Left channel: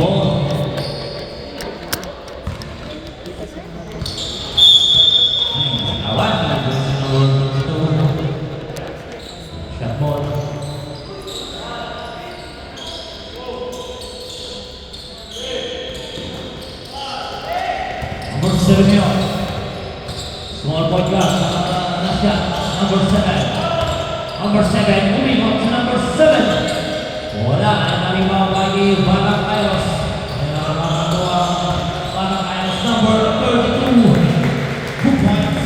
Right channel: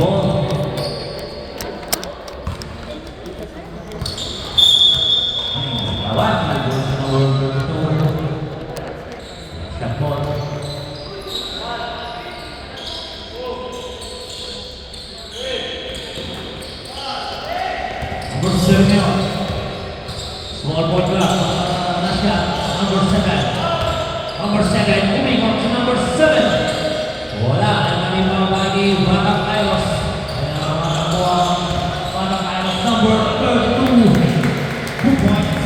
ball. Kawan, number 2. Shot ball. Number 7 yun. Small ball grab. Nasya. Number 7. Number 7. Moving on to number 7. Wala. Ay nalimaw lagi. Banak Kairos. Ay nakakuha. Banak Kairos. Number 32. 2 points.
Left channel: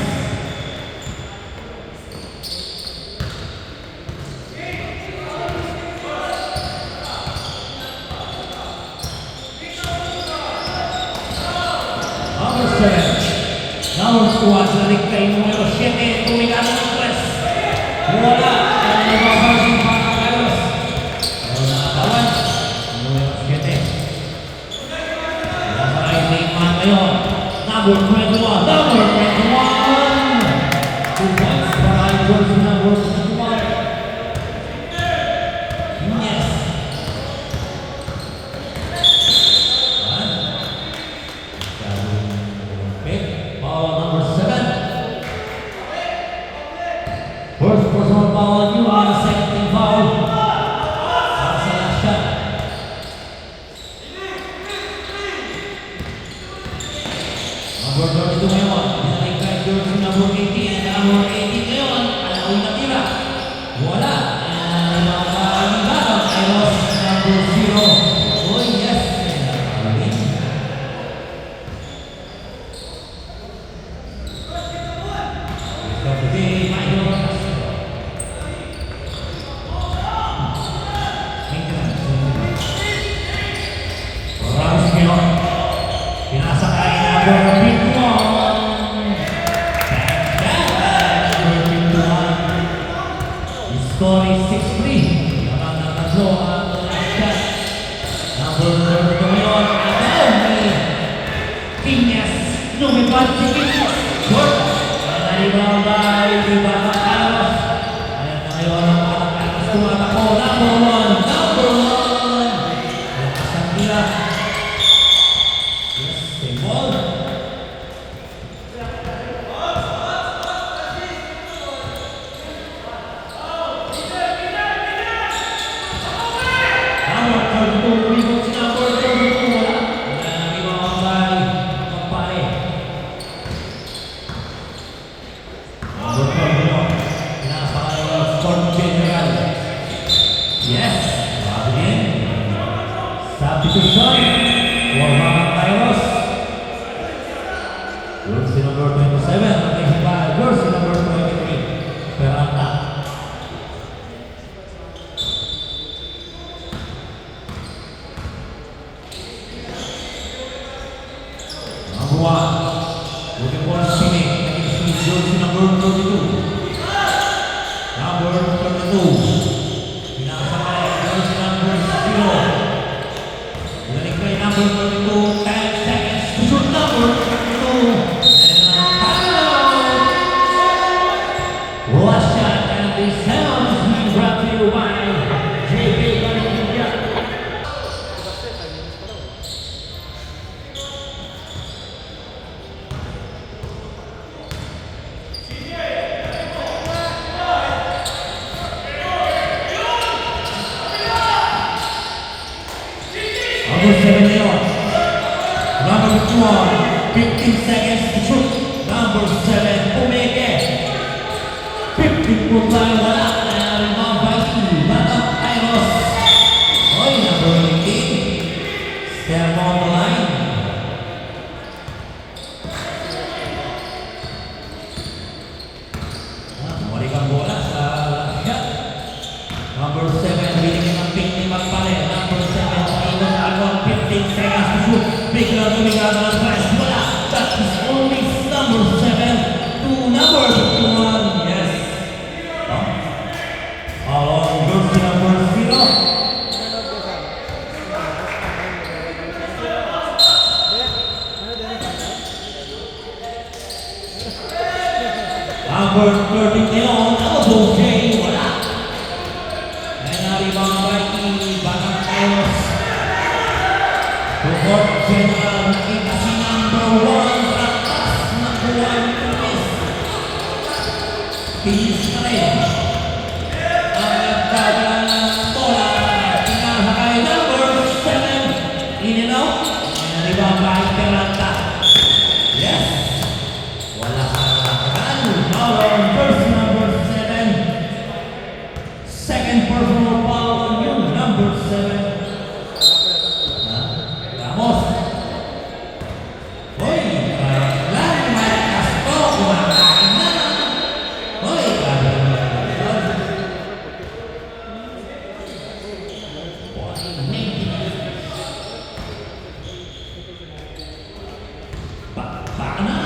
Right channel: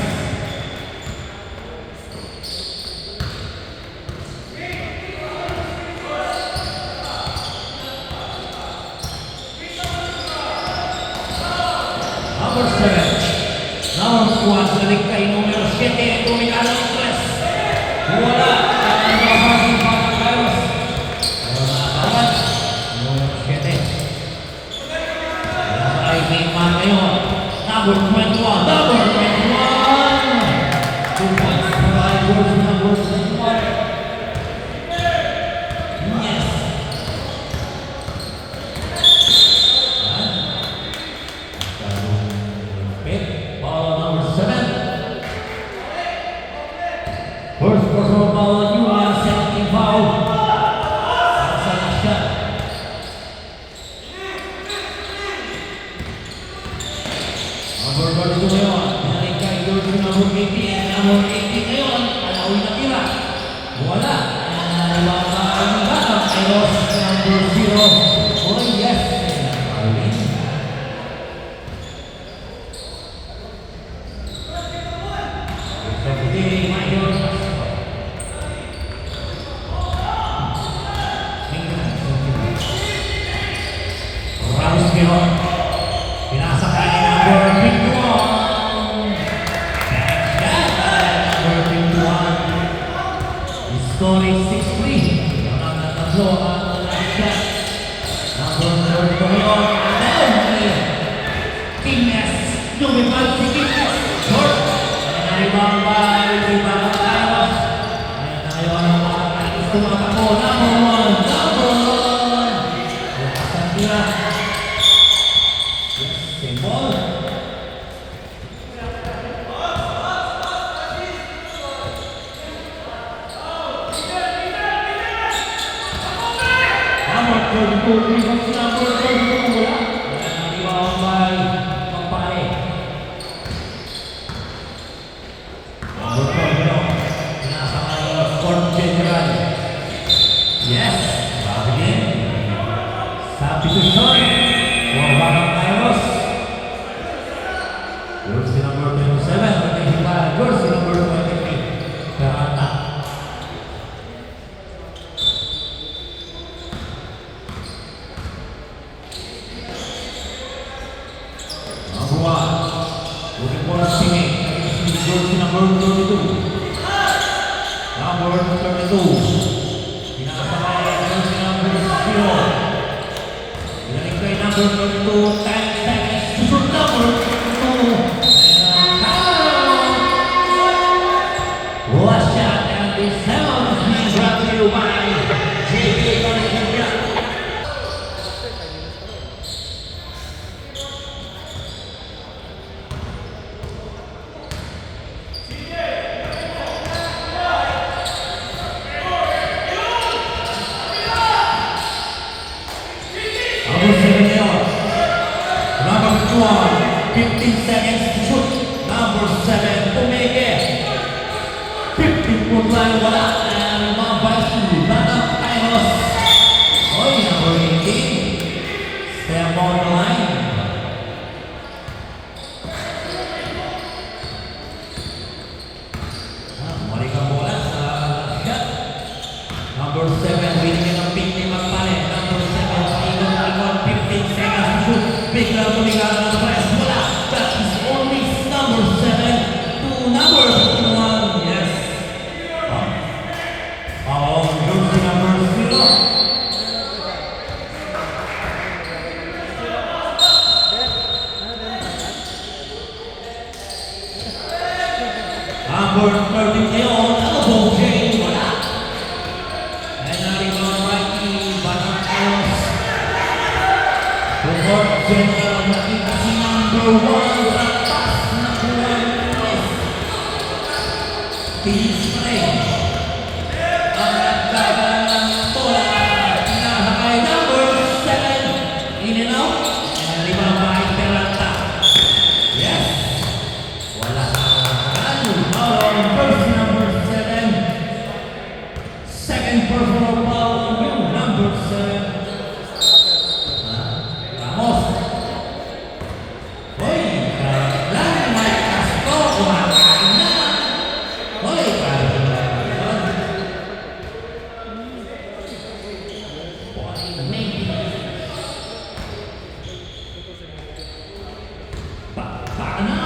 Number 7. Namun kuat selik kay numero 7. Tumingala ng press. Wala. Ay nababaging Banak Kairos. Pero nakakawan. Numero 7. Nasa right man ngayon. Number 21. Number 21. 2 points para ay George number 21. Yes. Number 7. First personal foul on you and second foul. Sa last shot. Number 32 ngayon. Nalikan George number 18. Number 18 ngayon. Alawin na tira. Wala. Ibang batang Kairos number 0. Oh yes. Scoring 6-3. Yaman na tatlo ang shot. Number 32 ngayon. Agaw ni Piñas. Lumipad si Piñas. Short. Nalibang by Banak Kairos. Ayan na ngayon ang Banak Kairos. Tumatakbo. Number 1. Number 1. Lakas ang tira. Yes, same ball. Number 32, rebound si number 32 wala. Wala na rebound by Magpare. Number 12 pinasa kayo Sport General. Yes, bago din. Substitution for Banak Kairos. Jersey number 27, rotation by jersey number 23. Peralta. Number 1, looking for a spinning. Jersey number 32. Number 32. Pinasa kayo jersey number 0. Galing kay number 32. 10 seconds to shoot number 32. Last shot and the sound is being brought to you by JB Galinga. Number 7 ngayon. Number 2, 15 seconds to shoot. Number 7, pumeke. 15 tayo wala. And mga basi, Banak Kairos. Oy, number 18. Step on the line. Muli kang bola sa shot. Number 7, winning ng pick ni Magpare. Number 7, pakinggan alon, 15 seconds to shoot. Bigla tumingala ng press. Wala. That is only number 7 to number 1. Yes. Follow on jersey number 0. Number 30 ngayon. Ano po? Wala. Nangyari bang bati Banak Kairos? Support General nakita si number 1 Ratas na buwan Luis. Tinis pa rin. Ang nagdaga ng bola. Pinahakay number 7. In and out. Ribabay Peralta. Yes. Wala sa lakan. Foul on first number 7. Second personal foul on you, number 7. Ramos. Hoy, lang may Castro, kumakain na. Hoy, grabe na yun. Paano?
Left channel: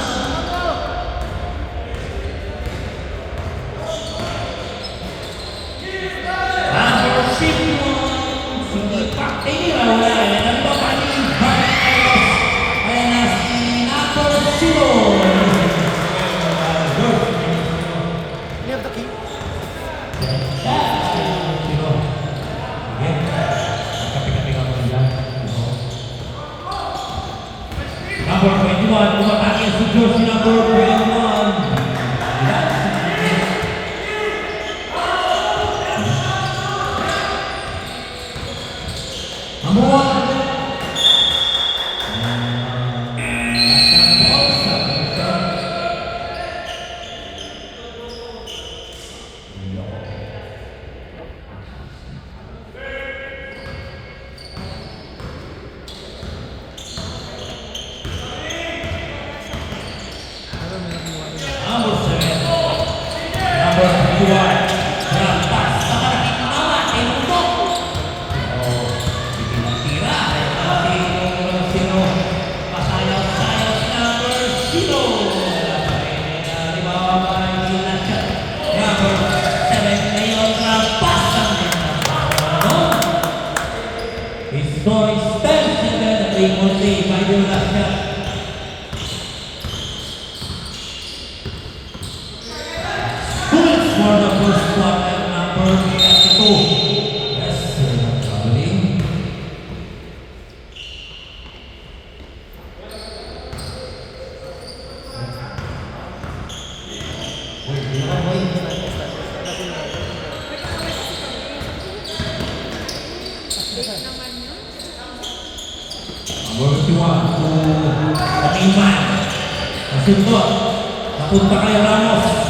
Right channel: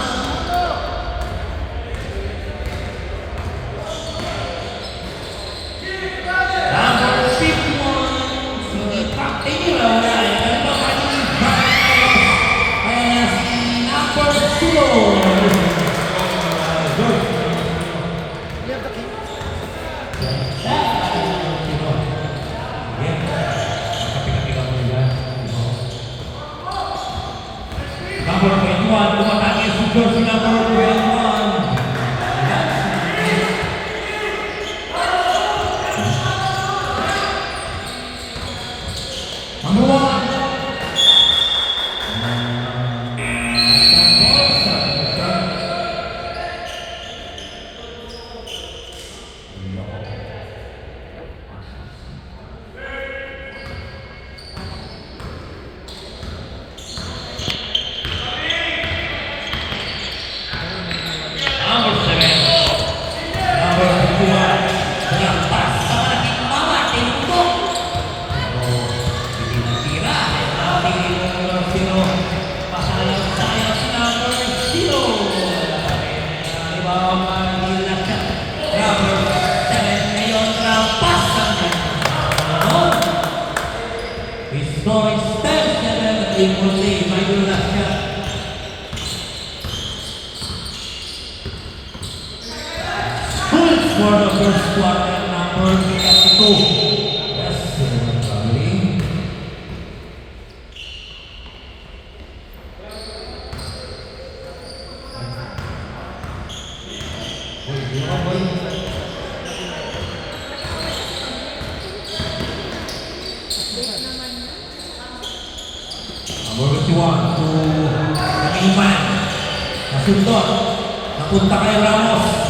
Number 21, umatake si Josie number 21. Number 1. For the first quarter, number 32. Yes, traveling. Number 21 to Kaniman. Nasundot. Napunta kay Ramos.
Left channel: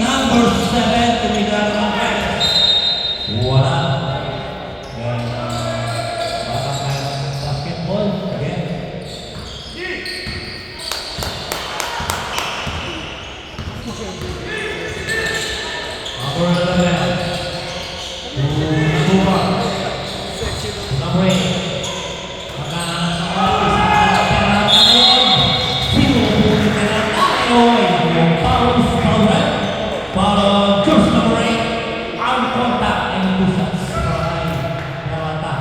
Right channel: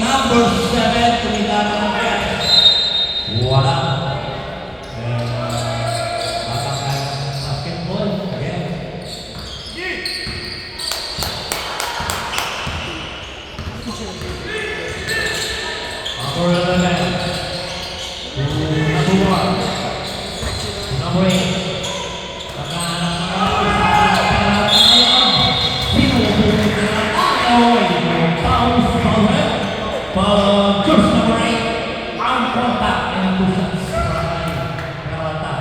Number 7 tumigana ng press. Wala. Basketball. Again. Number 11. Nabuha. Nabuha. Follow course number 8, arm contact and push-ups. Peralta.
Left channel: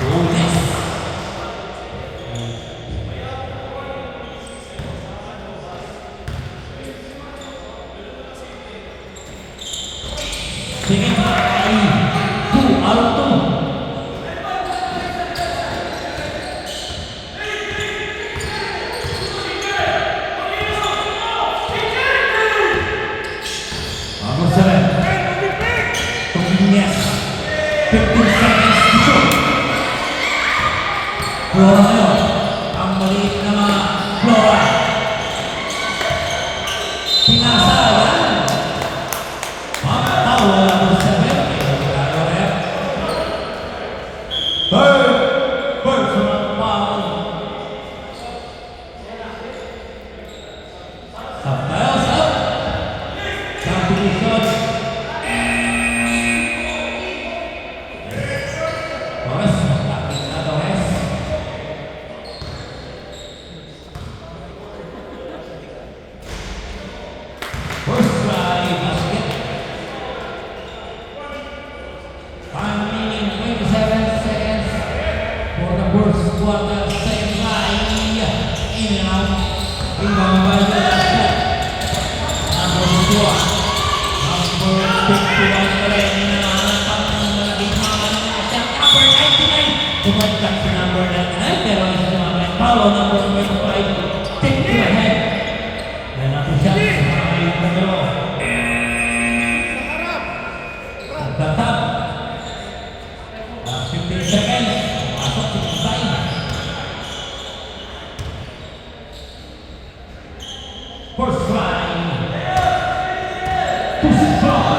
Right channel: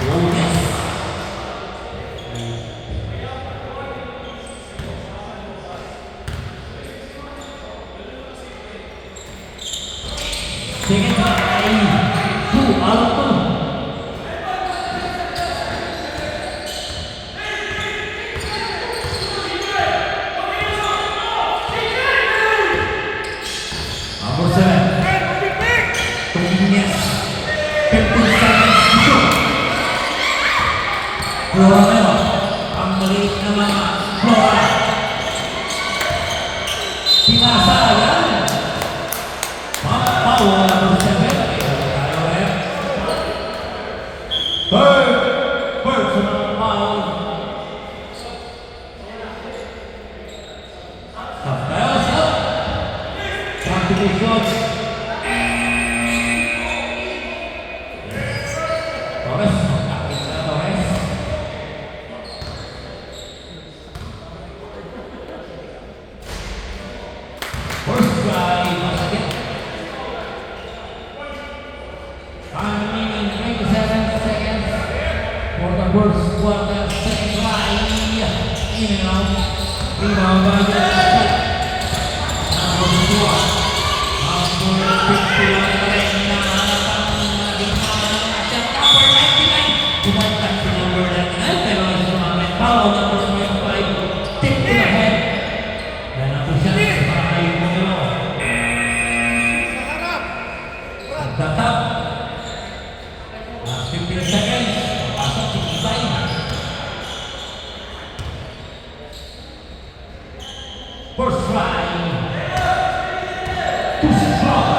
Bonus. Second by 2 out of 2. Flora ngayon, ang maliit na mga Flora. Sinasayan. Paul number 7. Third personal foul. Stop tayo, stop. Substitution. Torres, Time remaining 27 seconds for the first quarter, second try. In and out. Rebound by the shot. Number 4. Number 51 pa rin. Hinahanapan ng mga bigmama ng mga shot. Number 99. Bumagkat si number 99. Pero ang sumamang foul. Number 25. Take to the head. Yan natin siya sa mga ibang the top. Last 15 seconds. Pasok 65. First try. Too strong.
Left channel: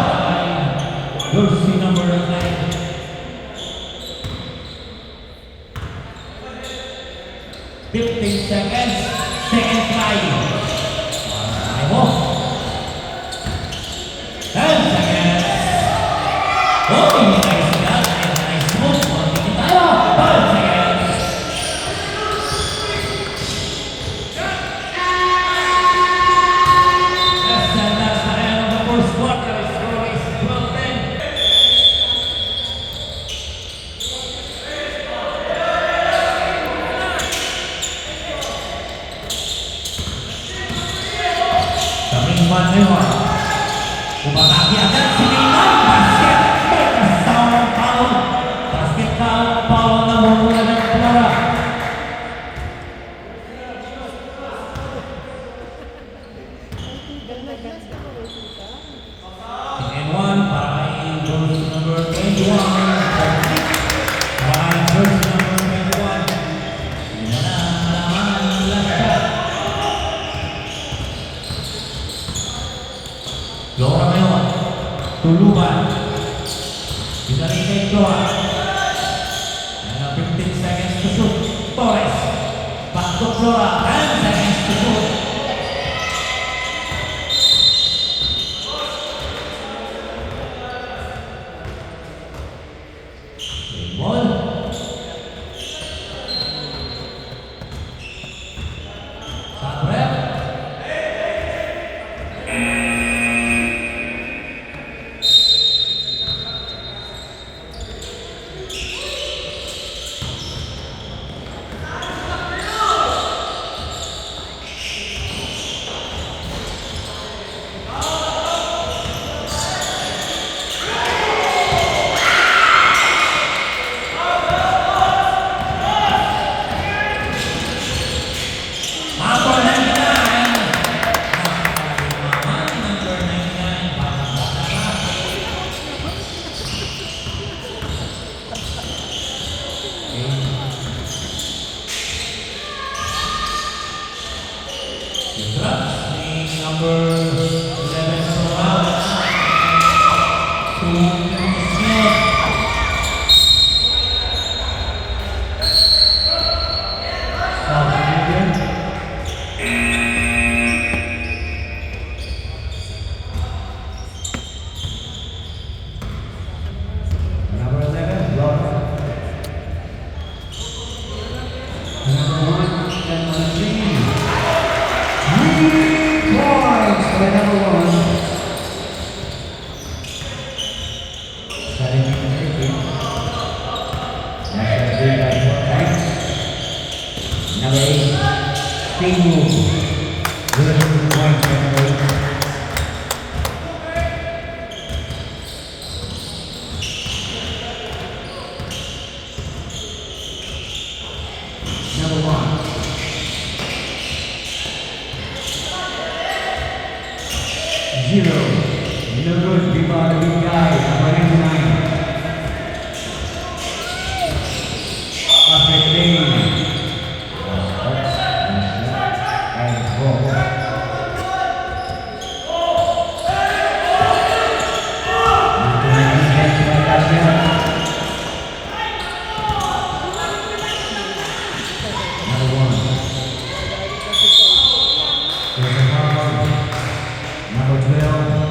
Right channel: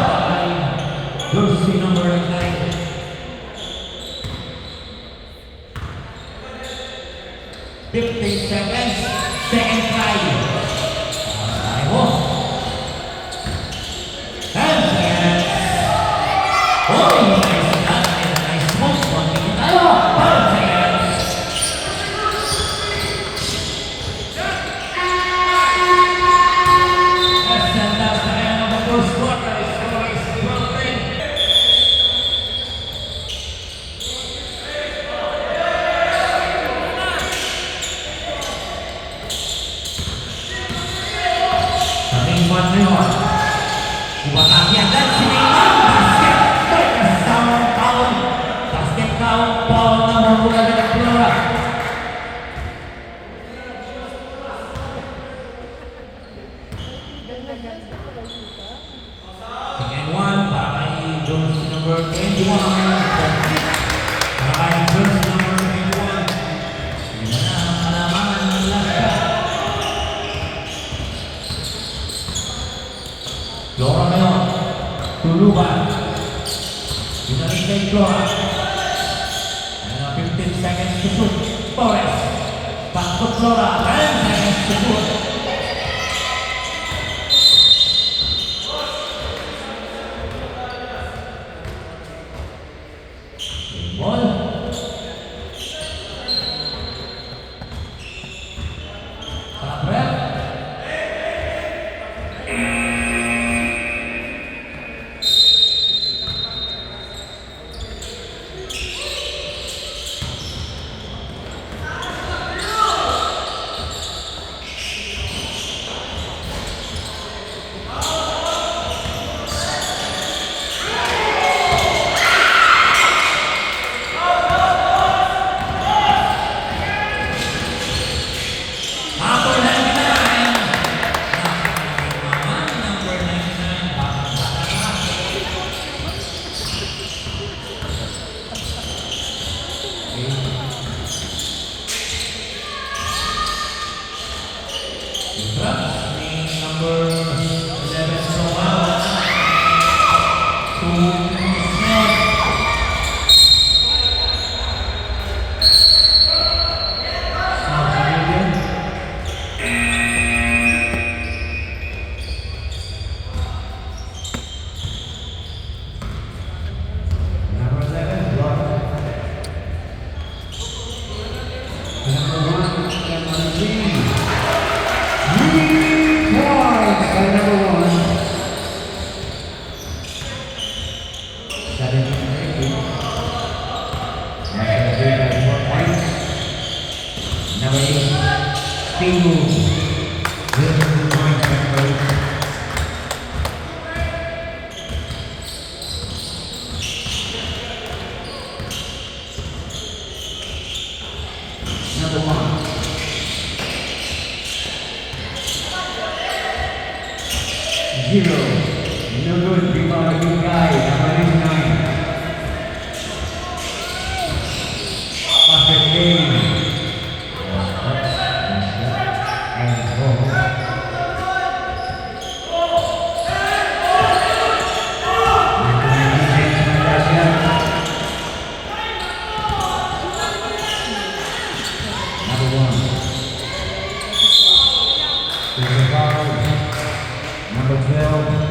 Jersey number 9. 15 seconds. Second try. Ayaw. 10 seconds. Oh, nice shot. Nice move. Magiging tayo. 5 seconds. Less than last na kaya ng first quarter. Score is 12-10. Kaming man ngayon. Umatake agad si Neymar. Basket. Bonus down ang foul. Basket foul na mula ng Flora. Second one para kay jersey number 21. Para kay jersey number 21. Yan na ang alaman ng last shot. Flora ngayon. Tuluban. Pinalik kay Flora. And 15 seconds to shoot. Torres. Back to Flora. 10 seconds to shoot. Good ball. Top rep. Number 99. Number 99. Baka-baka. Drugs ni number 11 Sohaw. 2 minutes na. South Canadian. Number 11, Flora. Number 1, Cameron Green. 3 points by number 1. 17-18. Number 3 by 4 points. Number 8, King Moon. 0 points by number 8. Number 1. 0. No good. Rebound to the guy. Number 89. Patrick Bailey. And goal. Defense by Dacia. Number 1. There's a foul. Number 12.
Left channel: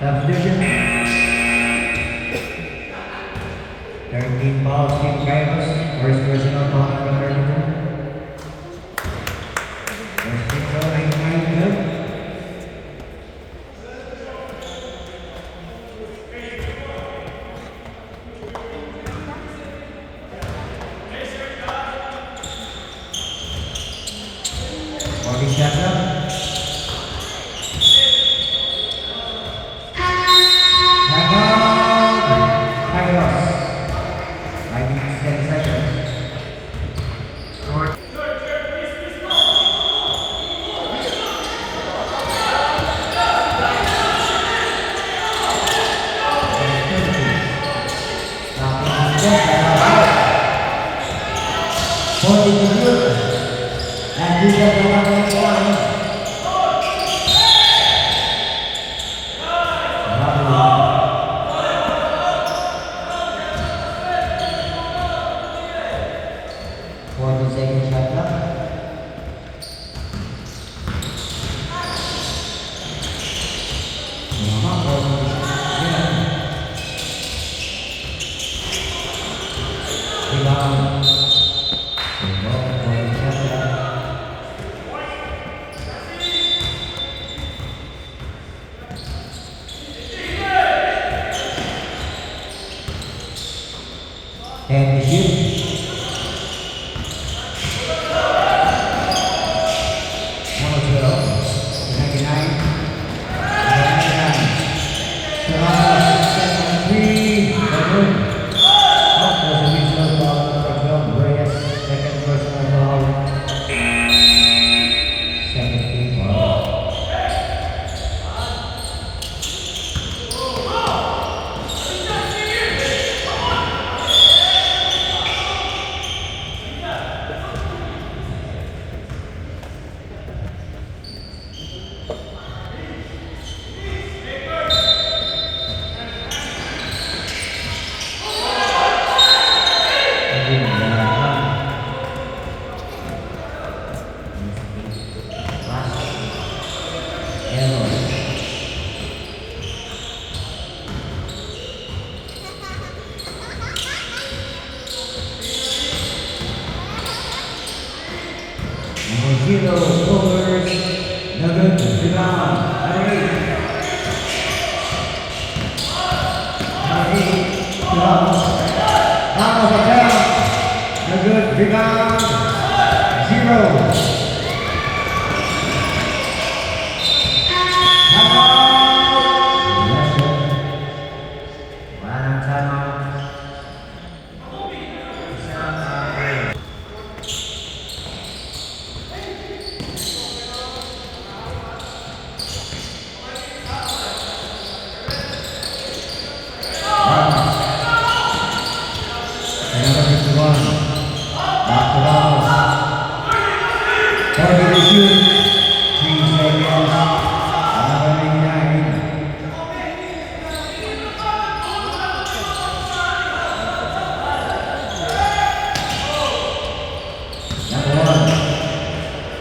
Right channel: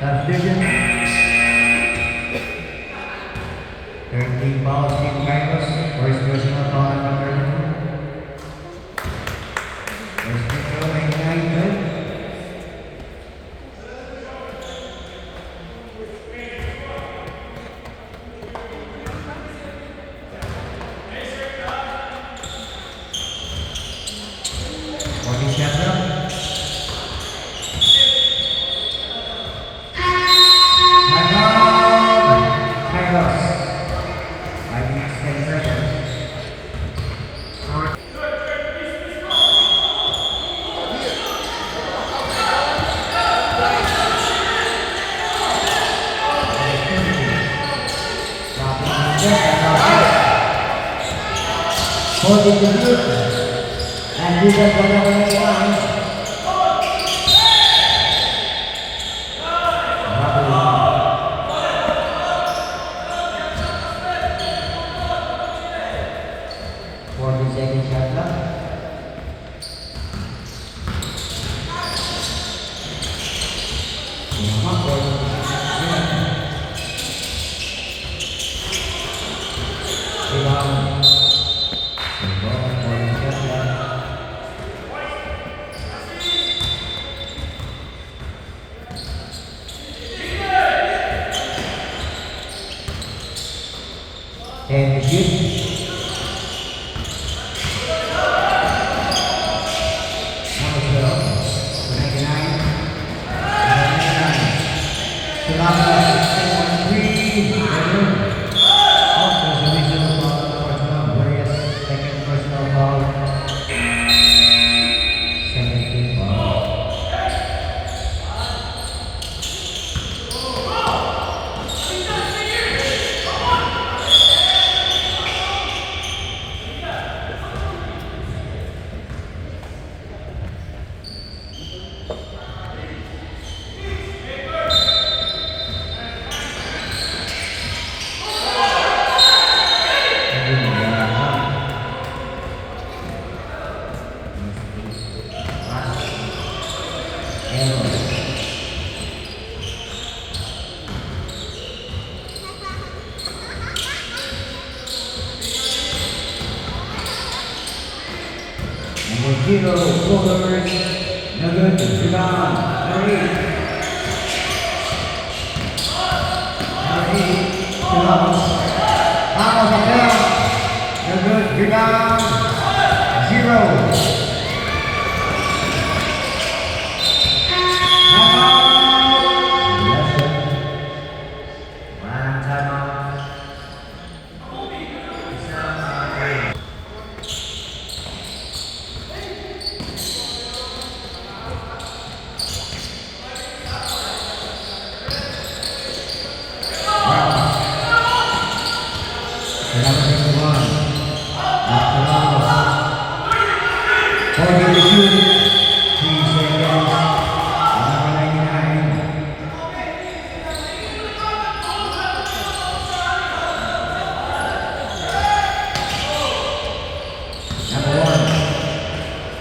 Substitution. 13 fouls being Cainos. First personal foul number 2. First personal in 9. Dan juga dalam uang and shoot. Number 12, 99. Number 0, Bullers, number 2, down, number 8. Number 8, Ramos, number rebound, 0.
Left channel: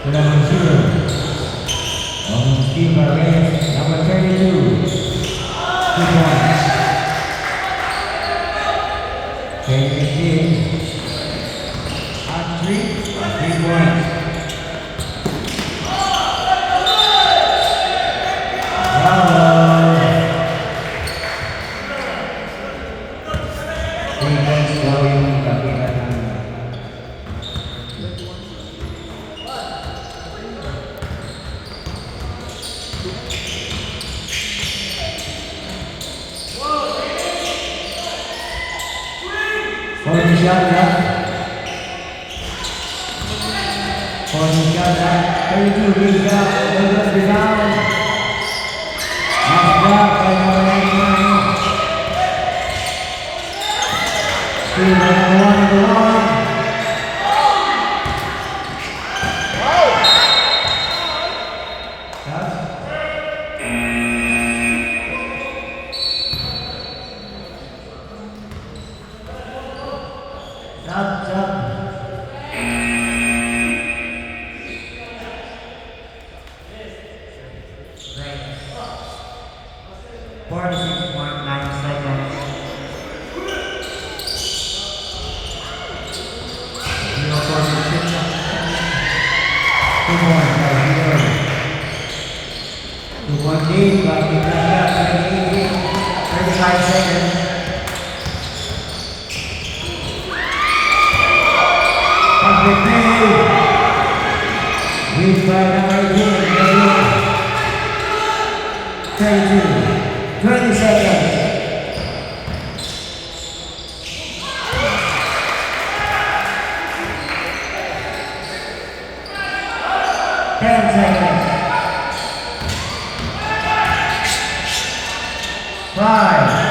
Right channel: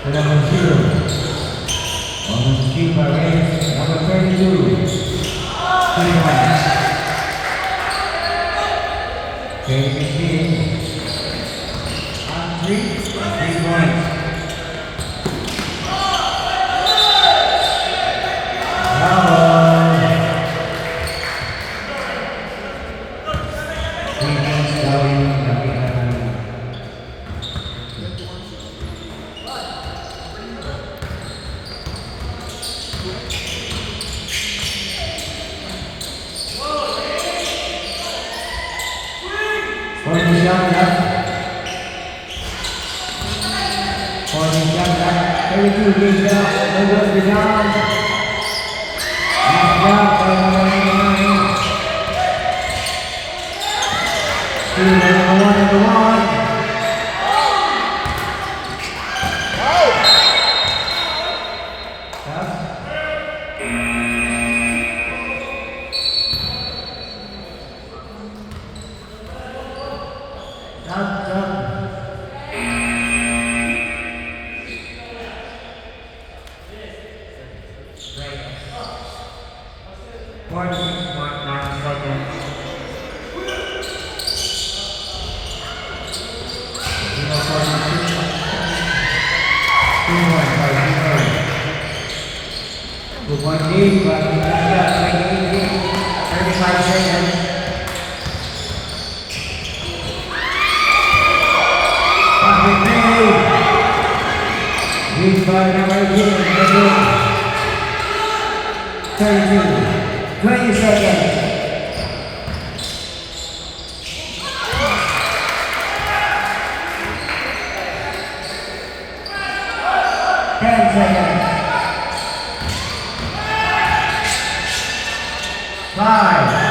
Number 0, on skill by race, number 22, 2 points. 23, on 3 points. Bravo. 3 points down, Kapitanan. Forty shot left. 32 leads down. They're going down. Last shot by number 99. Still number 1. 46 point 9 seconds. Zero 46. 2 points by zero. 2 point lead, but we got that 35 seconds. Perfect play. Lead by number 32. 20 seconds. 10 seconds. 5.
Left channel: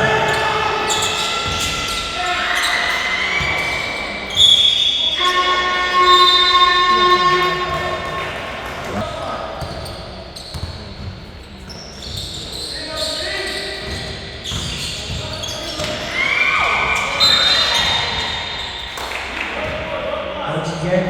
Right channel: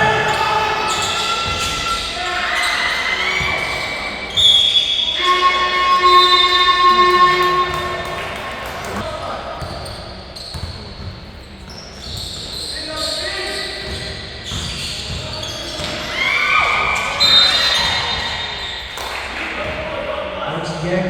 Once again.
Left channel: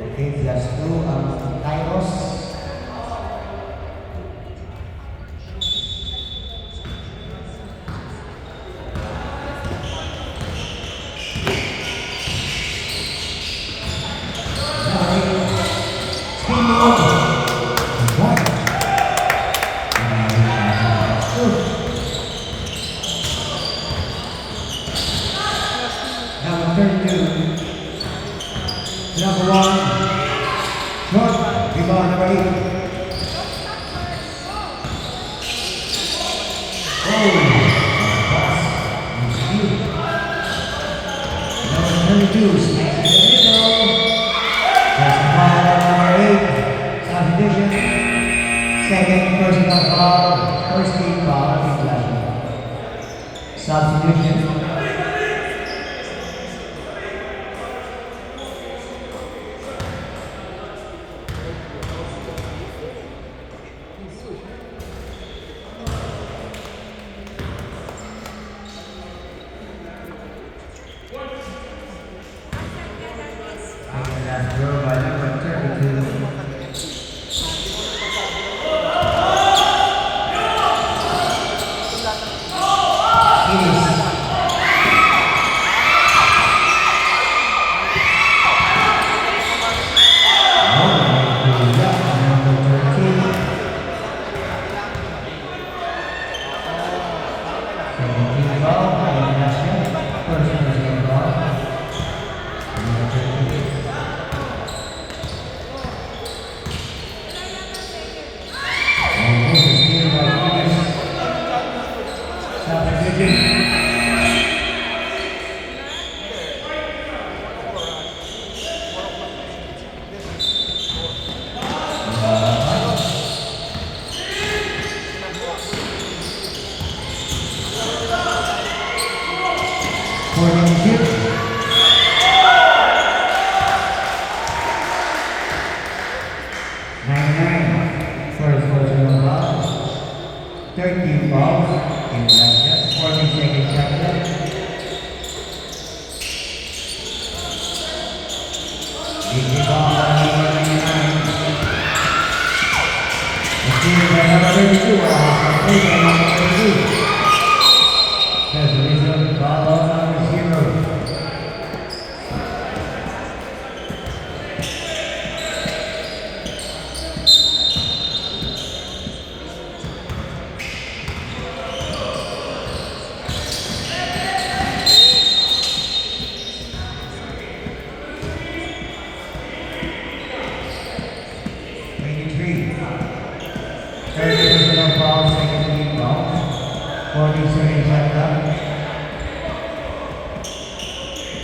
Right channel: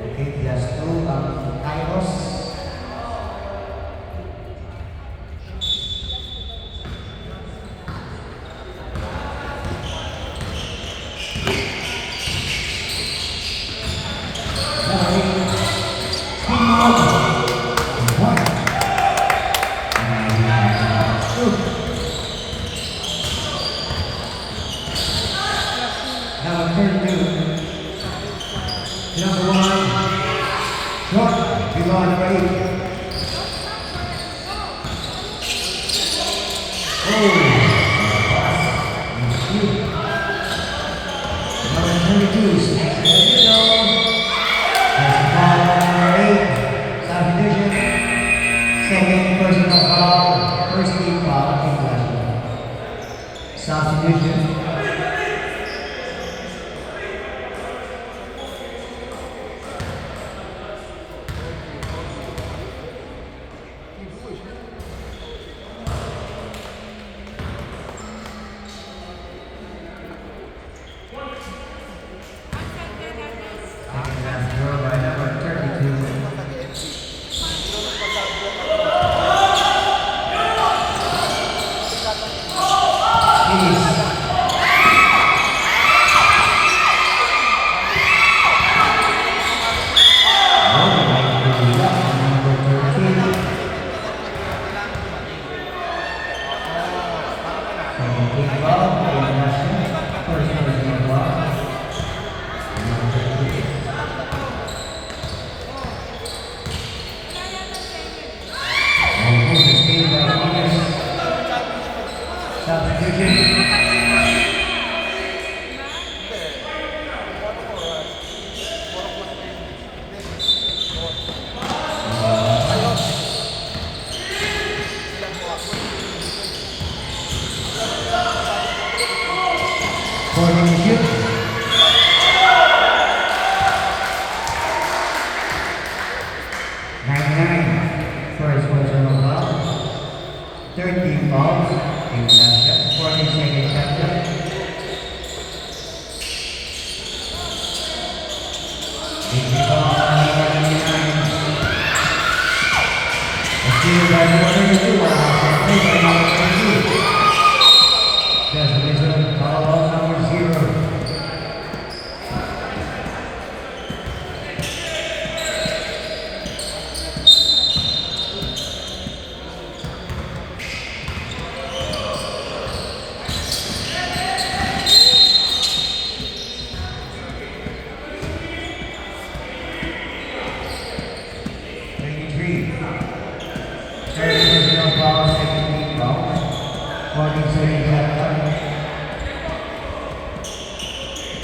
Okay, just two Kairos. Now, third two. Number 1, short, Devon Ray. Pass. Number 32, Snake. There's a foul by number 8, subdivision. Second personal foul, first team foul, subdivision. Throw by number 32. First personal foul, 13 fouls in the 42nd chapter. Third personal foul, second team foul.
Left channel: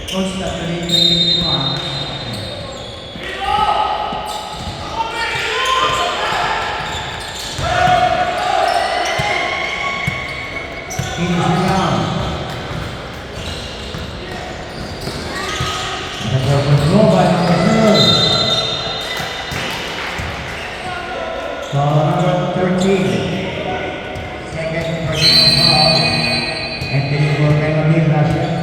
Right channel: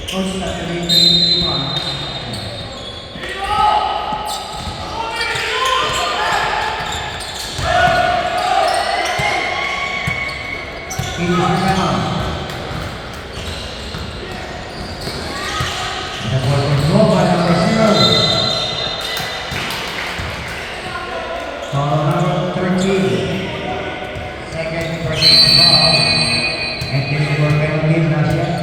Coach, training mo ah. Finish down. The ball control by number 0. Foul number 13. Second personal foul. And the ball penalty last year.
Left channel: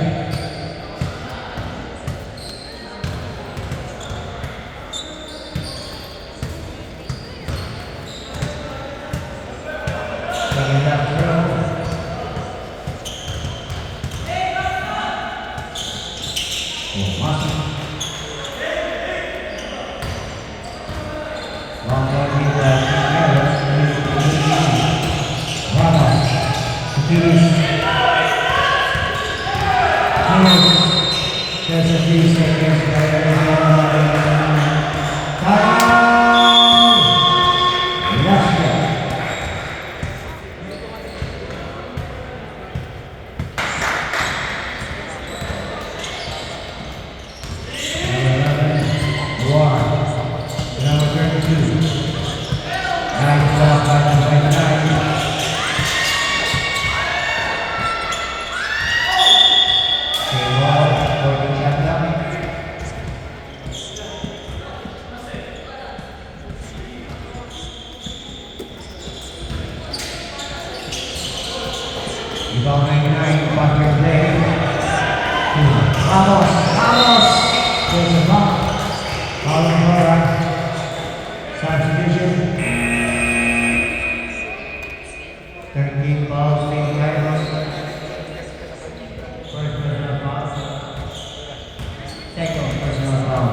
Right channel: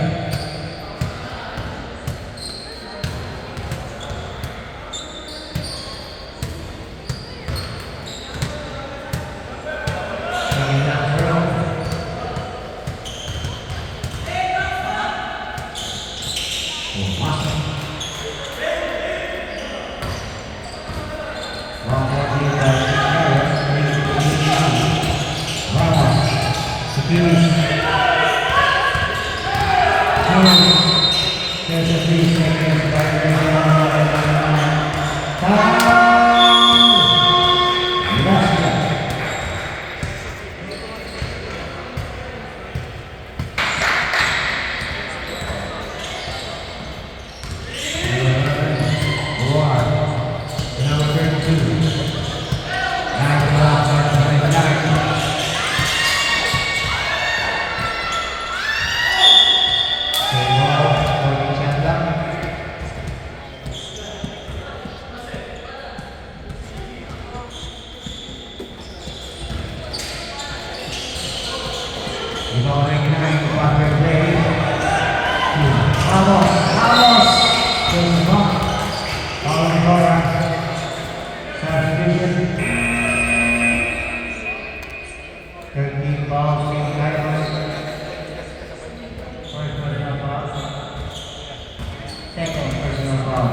Second personal foul.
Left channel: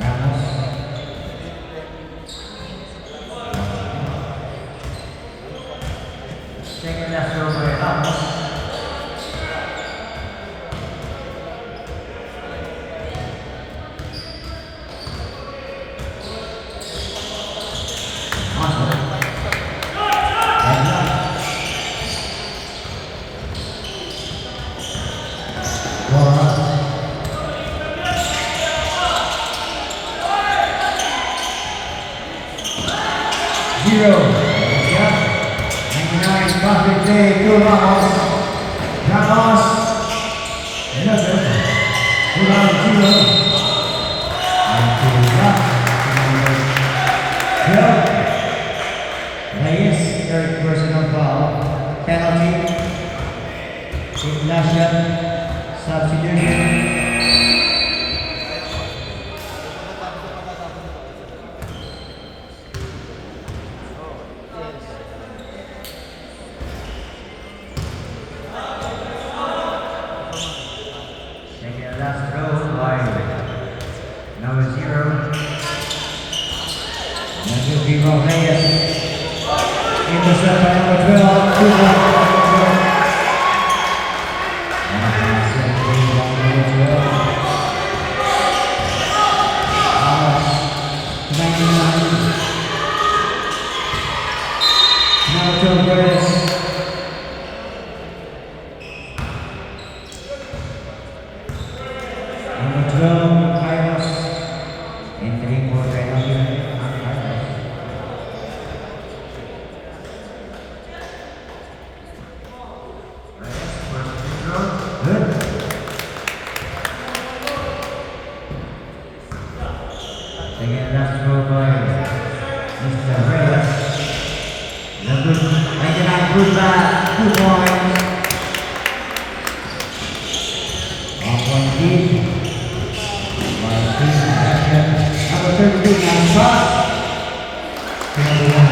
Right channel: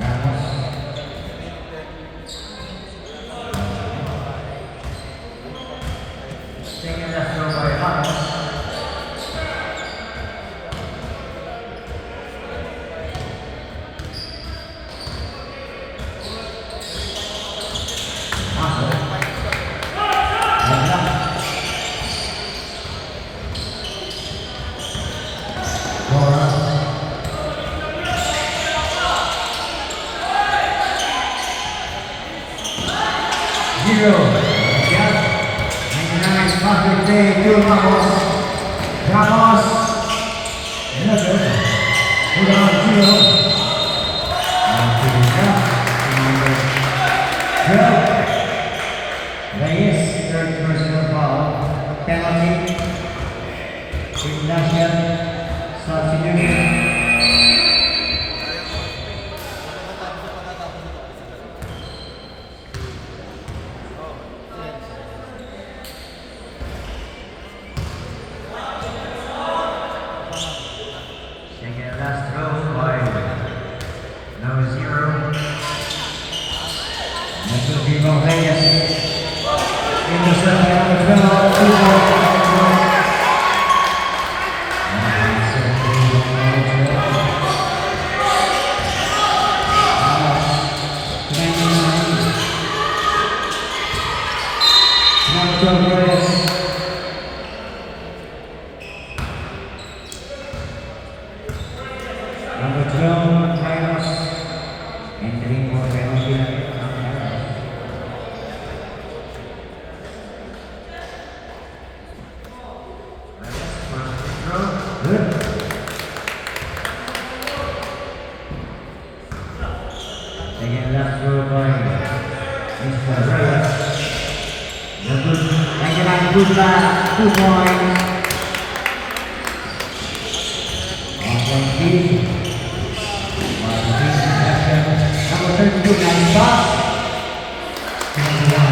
Ramos. Second last throw by Ramos. Zero. Yeah. 99 perfect day to Ramos. Ramos. Another. Without zero. And to number 12. Reyes, third personal foul. Penalty. Ignacio. Substitution. Last throw by number 0. That will be Reyes. Intercept by number 12. 2 more. Now Joe Reyes. Number 12, Kairos. Entering for Kairos. Good. Again, last throw by Mr. Reyes. Again, good back, 2 points. 1 point lead. Number 32, nice pass. Number 1.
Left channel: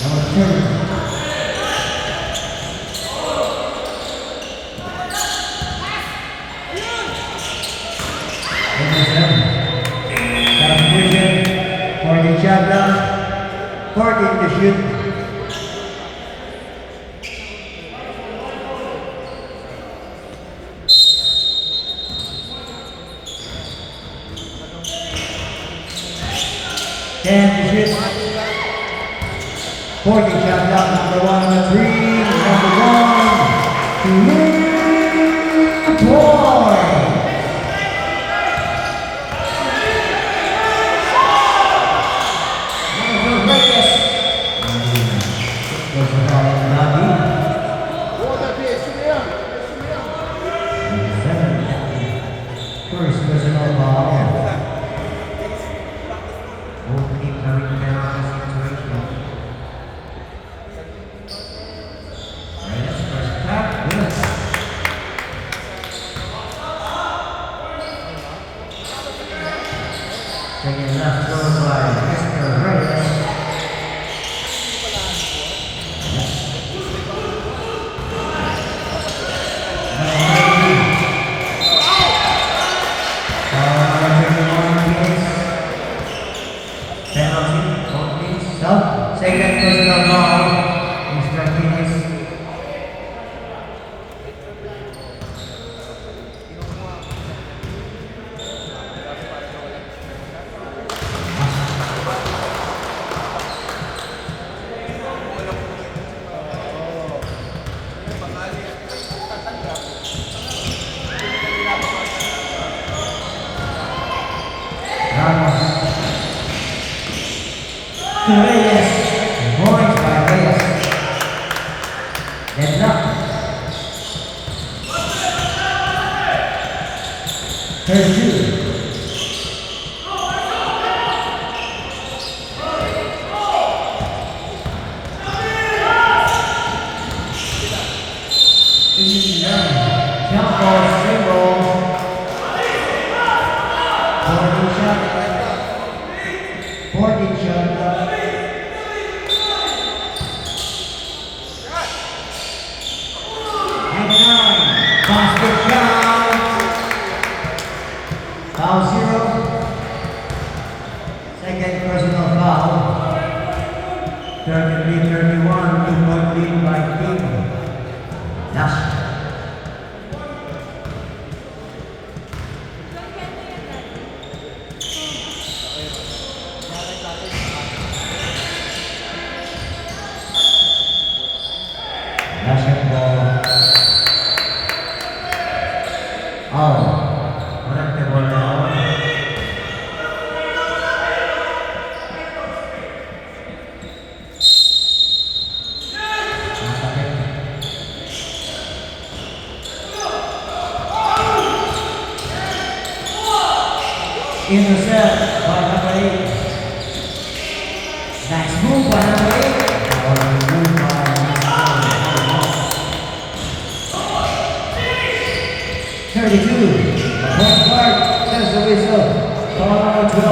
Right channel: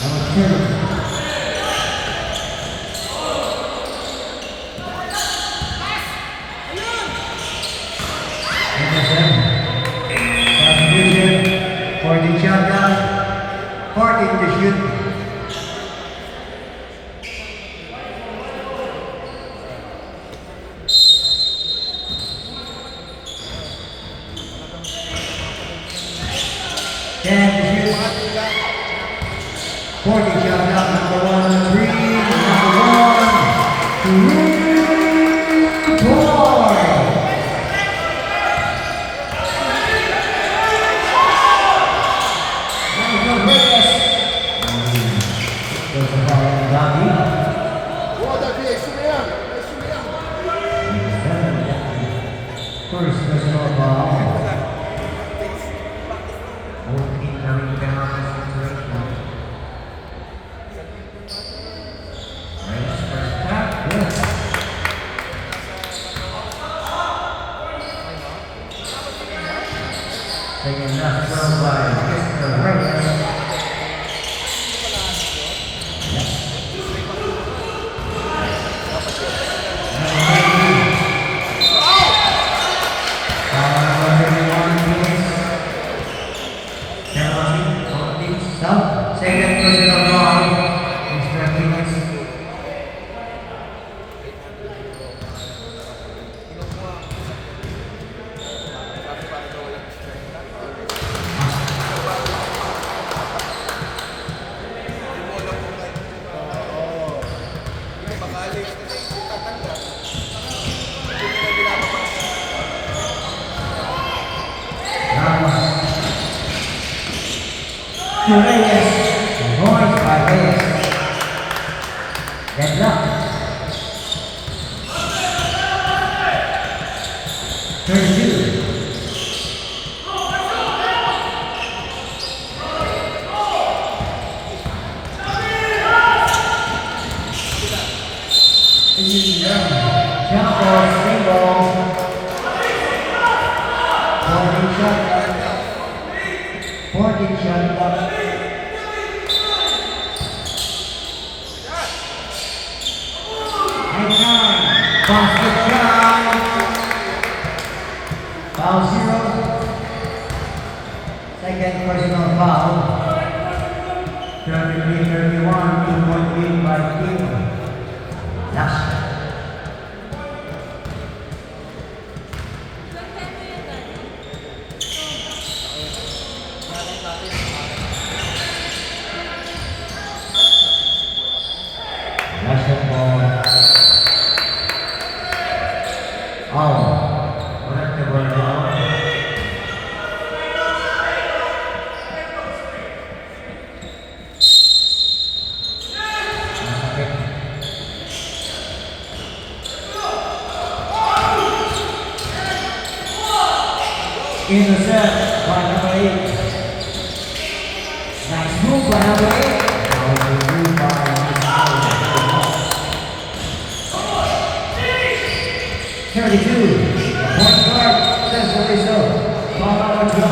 Number 30. Number 7. Substitution. 10 Porting shot number 1 on 3. Number 1, 2 point. Number 4, Reyes. There's a foul on Dagi. First personal foul. Opening coming penalty situation. Reyes first tap. Yes. Second left serve by Mr. Reyes. Second personal foul, Mr. Martinez. Ramos. Reyes. Points by Reyes. Deadlock. 32. Jump ball, single. 40 shot up. Basket shot. Foul 0. Second personal foul. 33-31, 2-point lead by team. Last. Basketball. Out. Walang table na out. Intercept by number 8. Nice move by number 8. Now the move by number 32. Point guard, that's the whistle. Ball on the 12.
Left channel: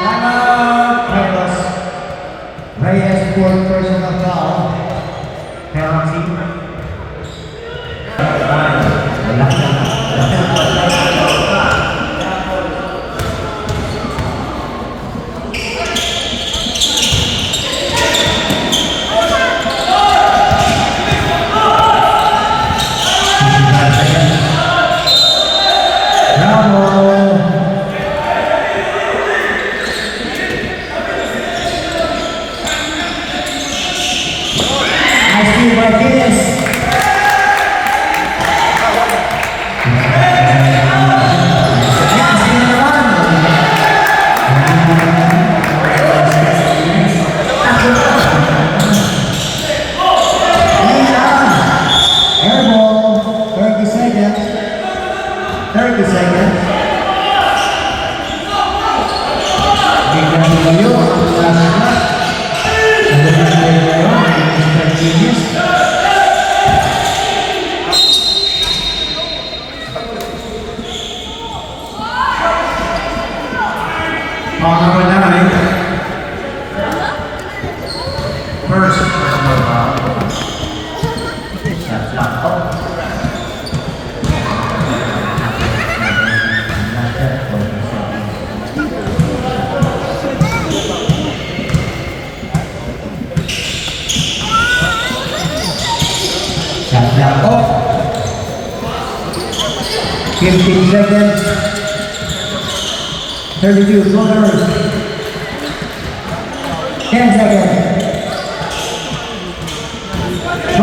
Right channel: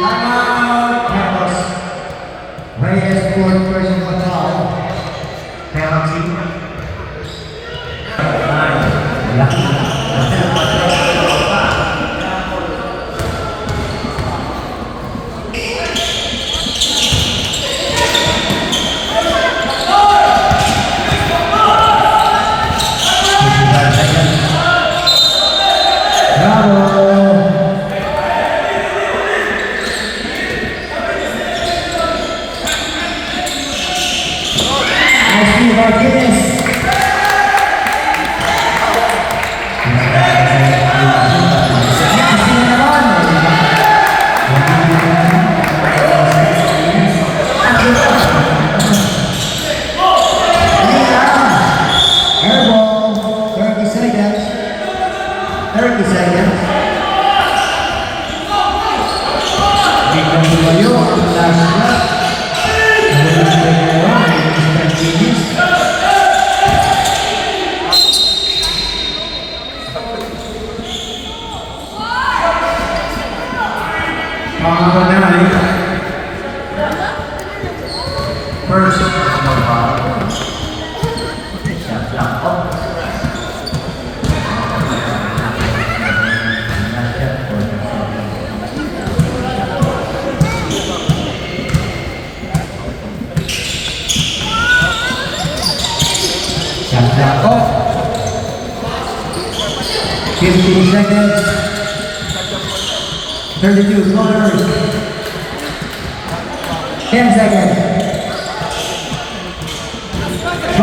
Timeout. Carlos. Reyes fourth personal foul. Penalty. Airball, 30 seconds. 30 seconds. Biglang tumayo ang last shot. Sabi ng Pedro, Mr. Genius. Number 9. First personal foul. Shot clock up. Shot clock up. 15 seconds. 32 corners. 10 seconds. 5.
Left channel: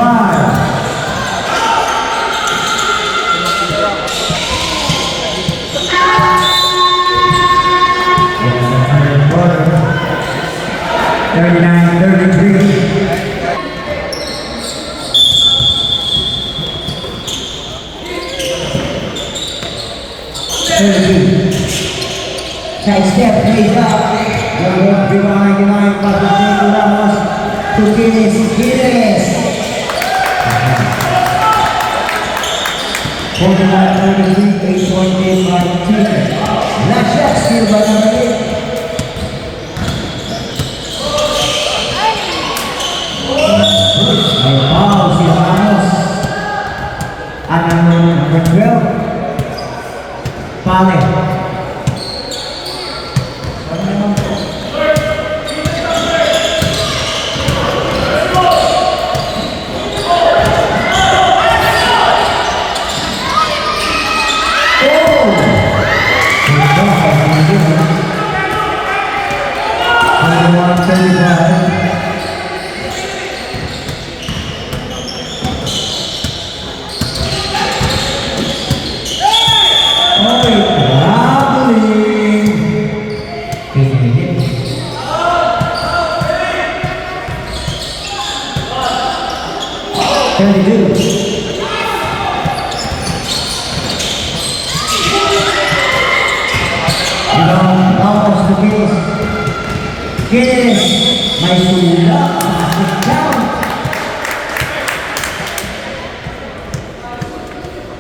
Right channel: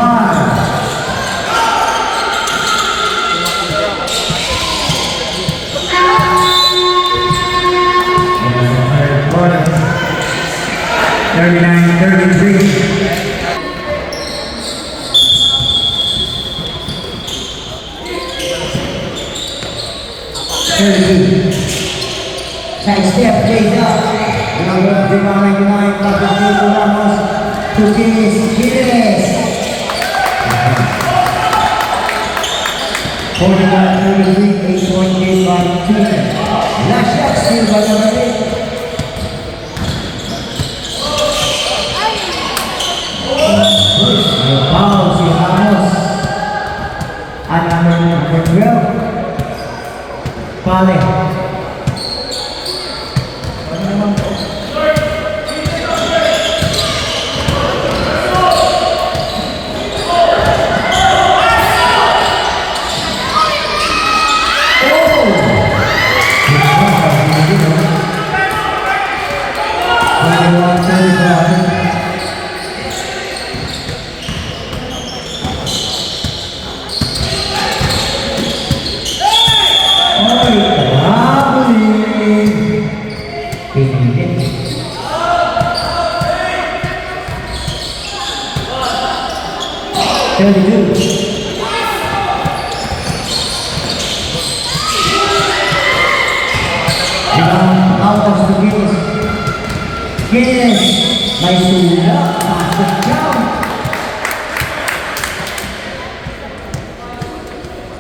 Third quarter. 39-33. Side step, lays up. Dimain Patricio Ramos to finish. Gilles. 41-33, 8-point by team. Last shot still by number 8. Foul si Ramos. At number 12. Pale. Yes, may sulak, pasok down.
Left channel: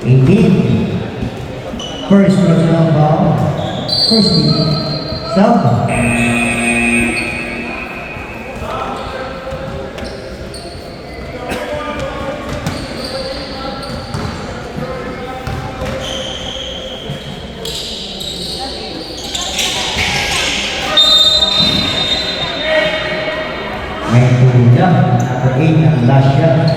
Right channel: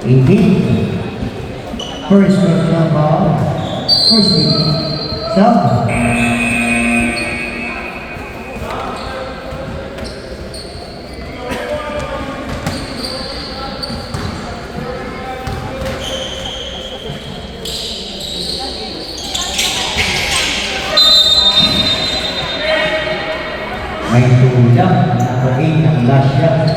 18. First personal ball. First team. Self. May tulang, number 8 ang last shot.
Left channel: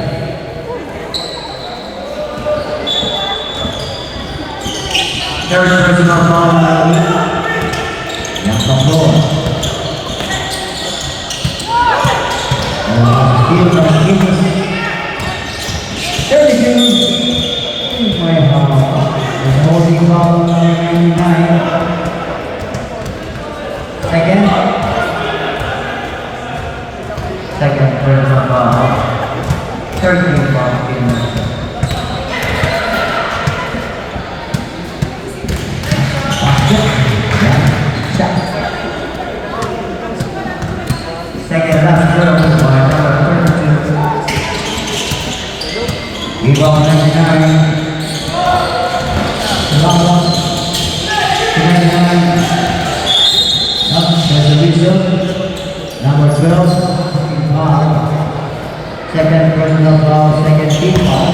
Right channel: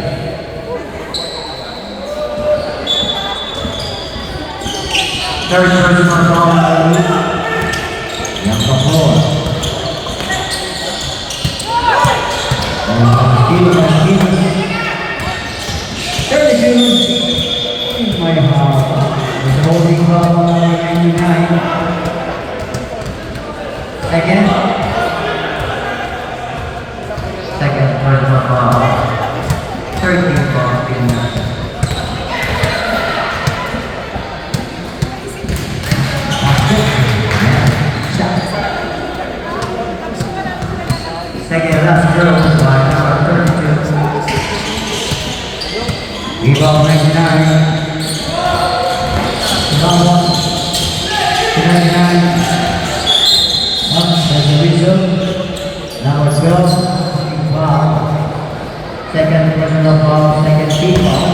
Third personal ball by yang kapor. Skill by Gilles. 32. My heart is holding problem in mind. Second personal ball. Third ball in second last throw by number 32. Rebound by Nari. Ramos. 99. There's a result. Number 12. Second personal ball, second team ball.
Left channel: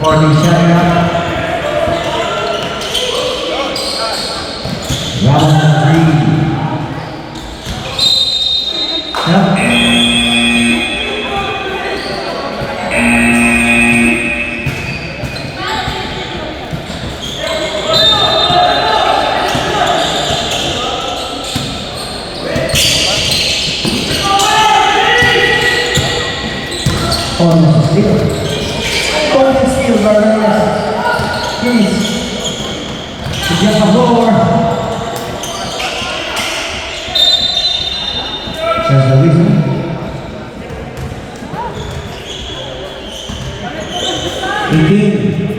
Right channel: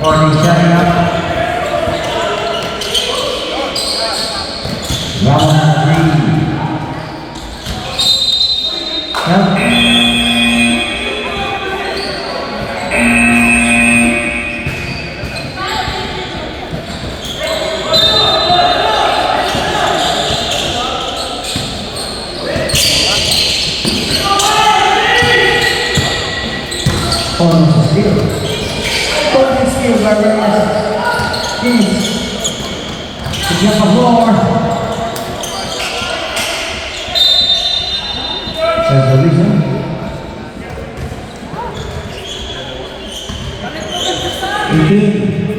47 up. Round 3. Almost steal. Golden steal by Reyes. Gilles. To get the floor. Says the reason.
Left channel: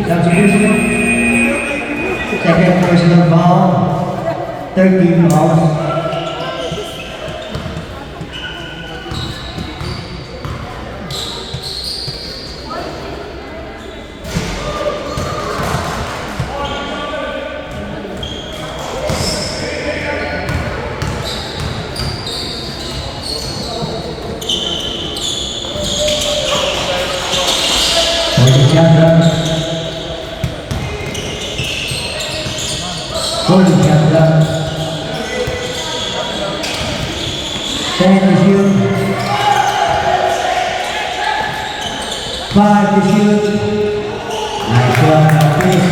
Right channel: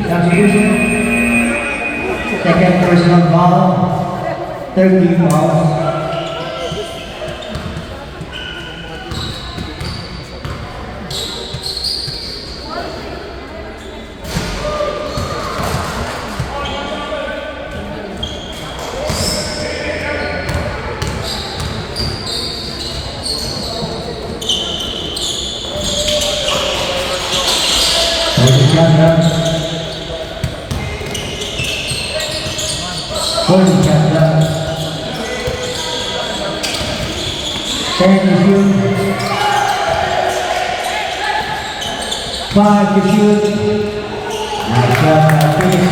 Substitution. Second personal foul. 13 fouls. Holding shot down. 10 to shoot. 5 to shoot. Nice shot now, Chris.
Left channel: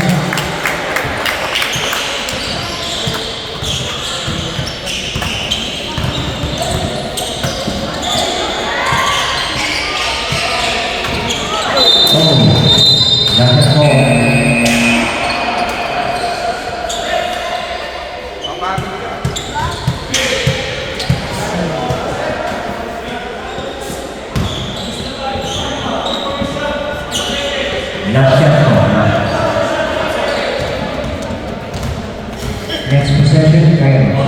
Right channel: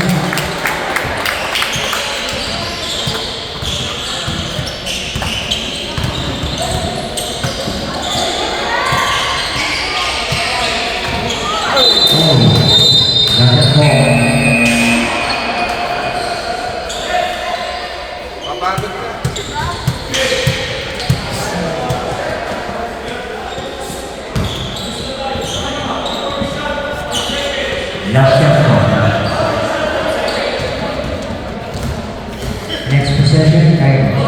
Oh, that's a ball. Last shot ball. Next possession, time.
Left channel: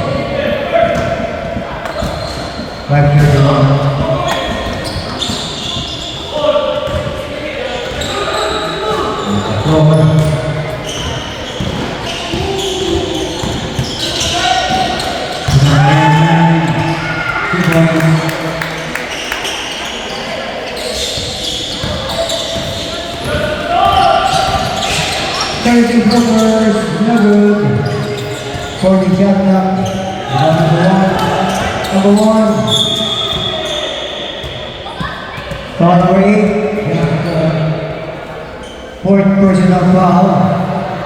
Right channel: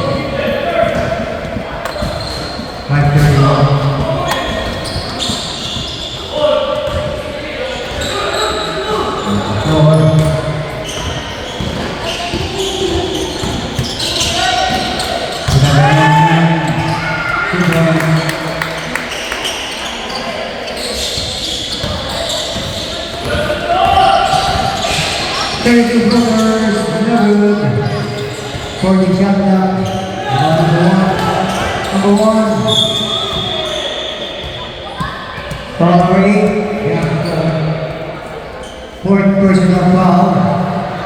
5:31. Floor. Carry two corners, no good. 40 shot clock. Number one. Foul number 8. Fourth personal foul.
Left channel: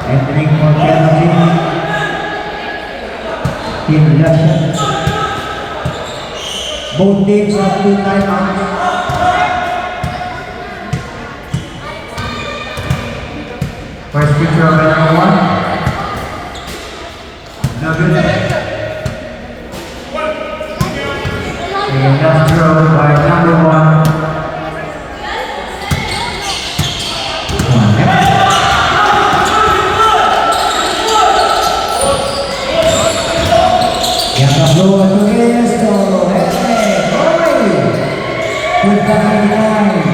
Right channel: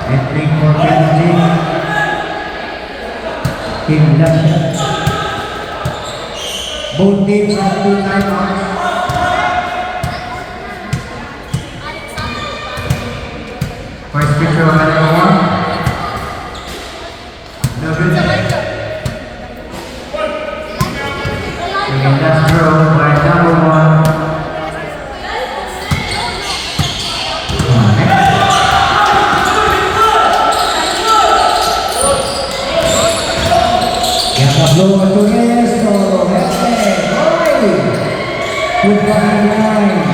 And 3 more penalty. Team left shot. Both teams have 2 timeouts. First picture of number 1. No good. And last throw by number 1. Blow to Resto. Hey, good back in line.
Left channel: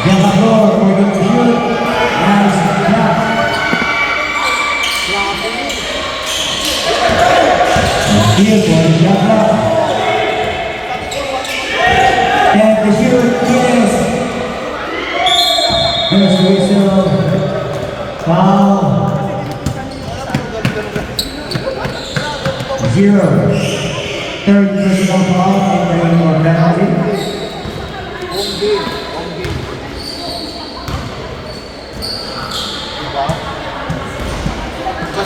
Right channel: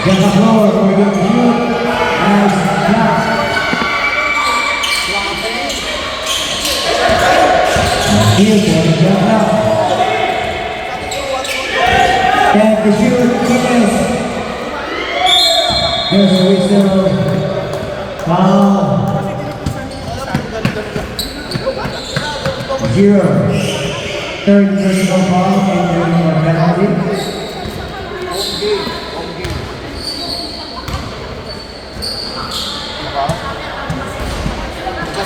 Gabaglo for the shoot. Nice block. Here for the shot block. Then the shoot. Yes. There's the whistle. Foul. 0. Third personal foul and 1 more penalty.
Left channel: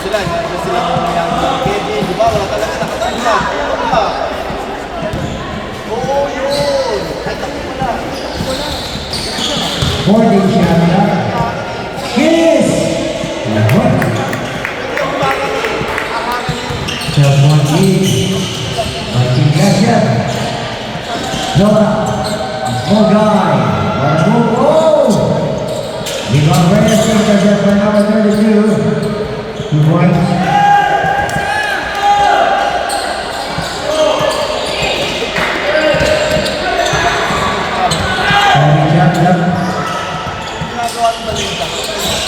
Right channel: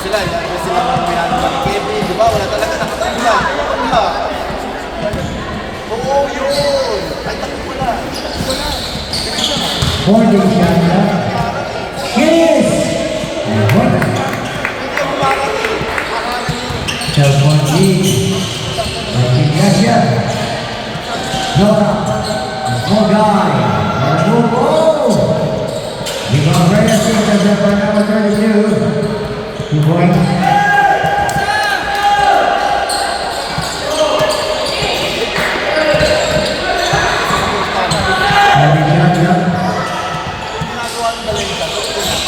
Sila ng Kevin, di ba? Wala talaga nakatila. Wala. Oo, yun. Ay, takip mo na. 40 shot. Yes! Cellphone lead by Team Gassia. Nora, small guy. What a move. Oh! Rebound Reyes intercept by number 32. 2 points.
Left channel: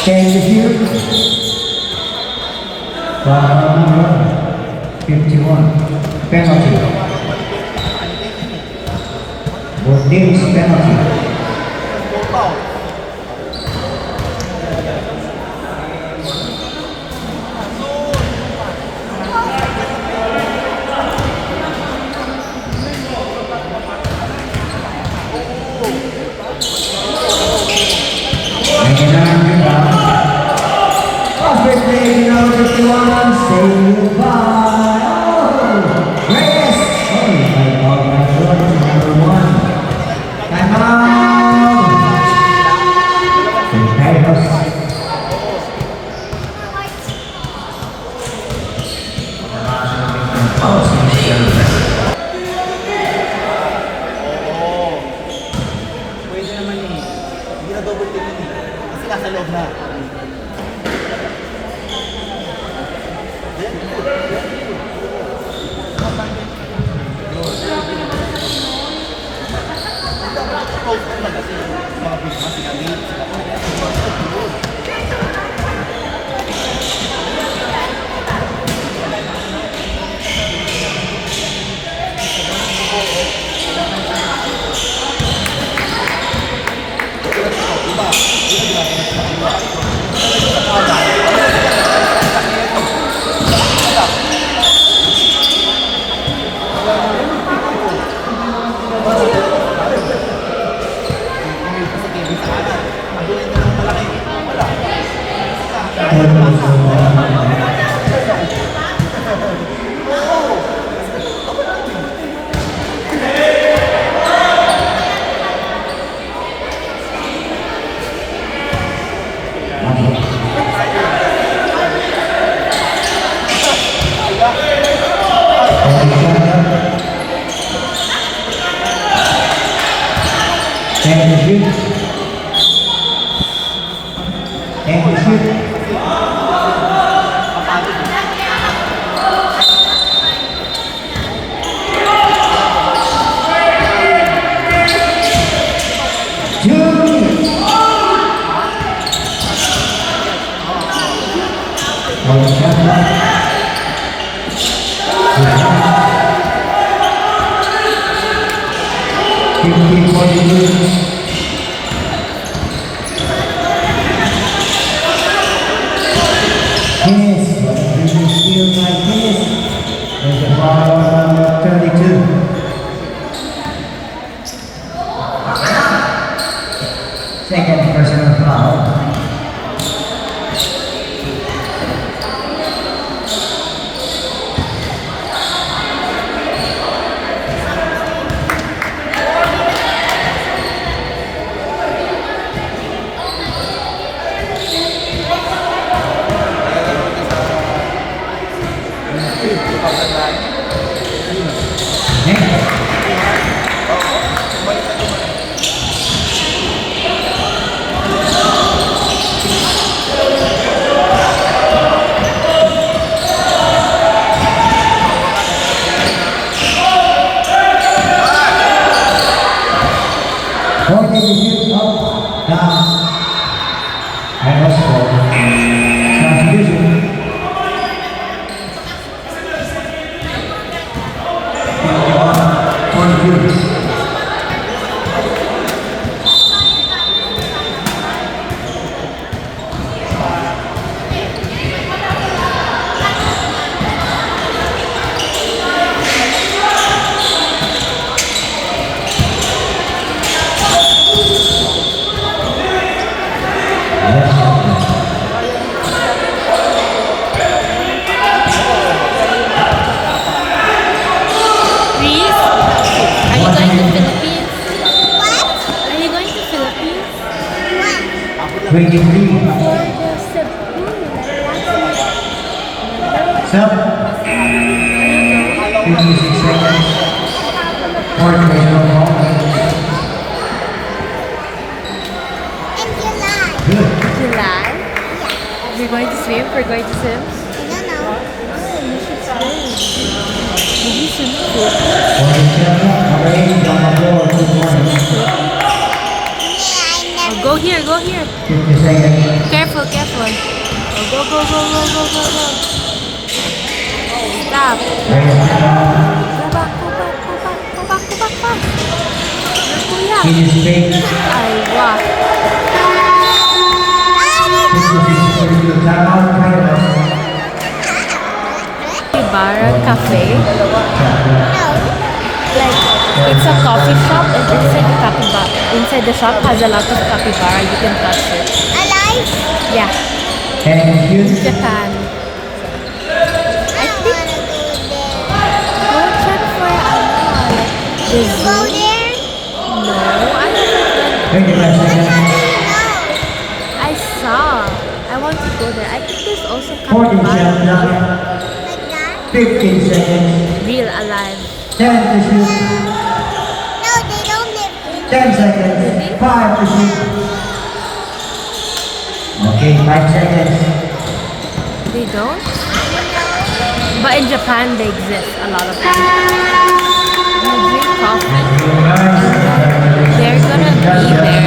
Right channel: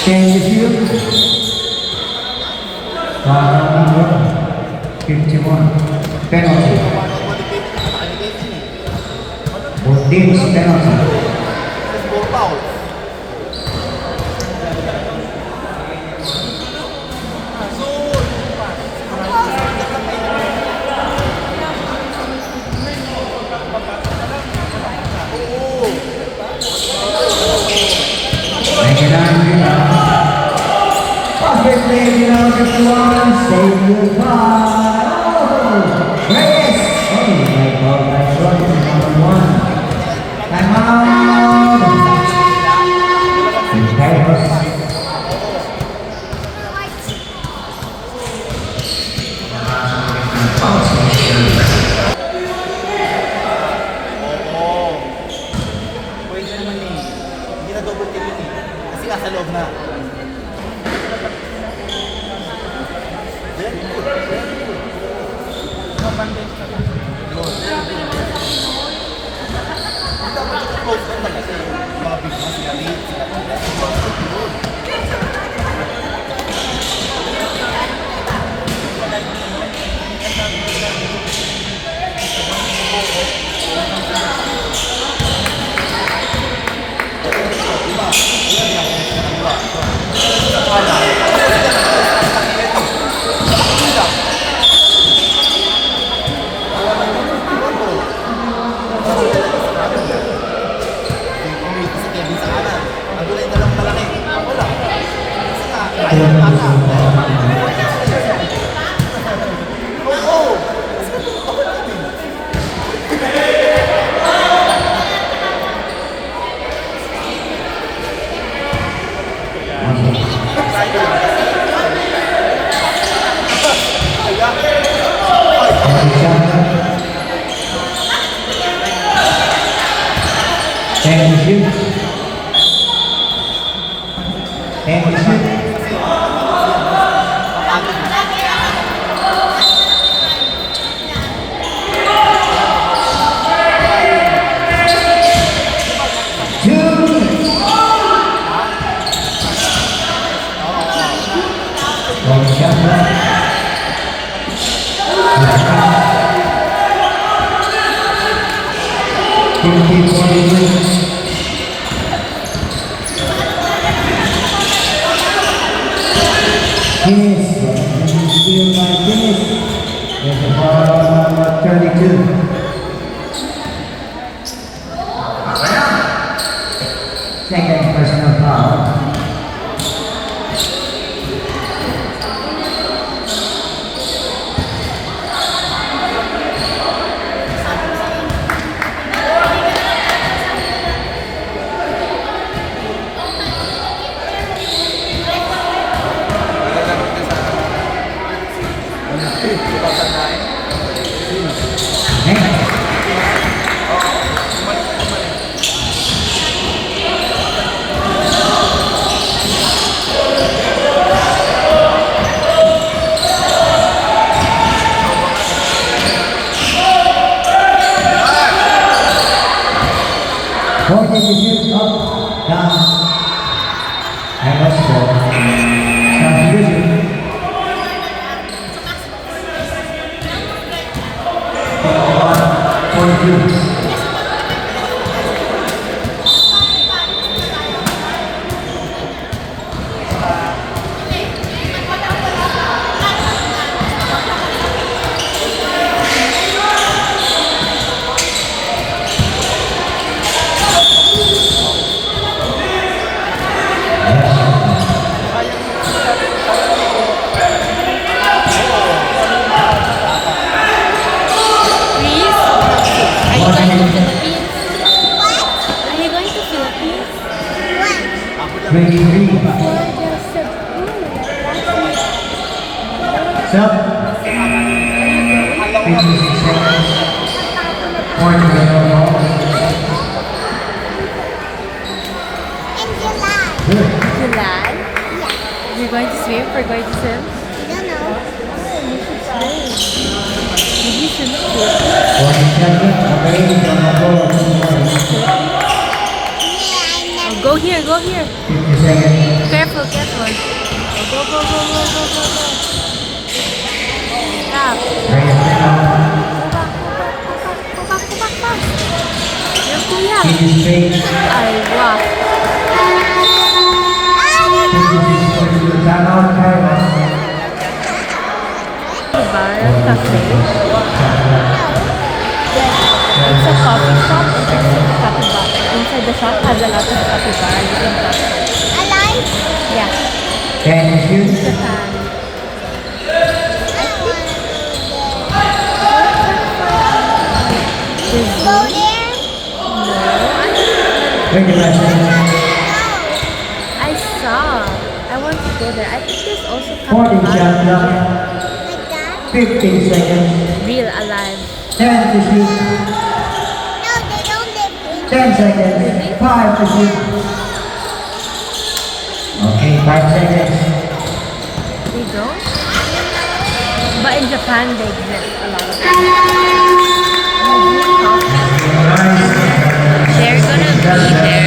Can you shoot? Foul 51. Penalty. Both teams penalty. Perfect play, number 51, saved by Reyes. Oh, my God, that's number 1. Time out. Tigers. Pwede naman yun. Hindi na double team yun. Kasi nasa loob na. Very good. Very good. And shoot. And shoot. Second personal foul. Fourth execute up, down. And also substitution. For you. Are you going to Philippines? What? Are you going to Philippines? 23. For the Cebu, like last week. Remember? Sub. Are you going? 56 seconds. Fourth personal foul. Good. July? Yeah. You're going to swim? We're going to swim? I don't know. Oh, you should swim. Did you swim at Philippines? 47. Already on the floor. Oh, go here, go here. 50 seconds. Careful, careful. Oh, go, go, go, go, go, go, go. Stop. Go back, go back, go back, go back, go back, fast. Your kuya. Finish game. Ay, wow. 56 for you. Timeout, timeout. Ibarra Cafe. Like, it's a coffee shop and inside the capybara. Inside the shop has a lot of capybara. You can touch it. Alive? Yeah. And In shoot. Japan. The zoo? No, I don't 25 seconds. I saw. I want to go there. I think there's also 40 capybara seconds. 15 seconds. real alive. 10 to shoot. No, they don't live 10 seconds. Really? 5 to shoot. Okay, 5 seconds. They don't? But in Japan, they exist. A lot of them. I drink coffee. Nice. They're gonna be there.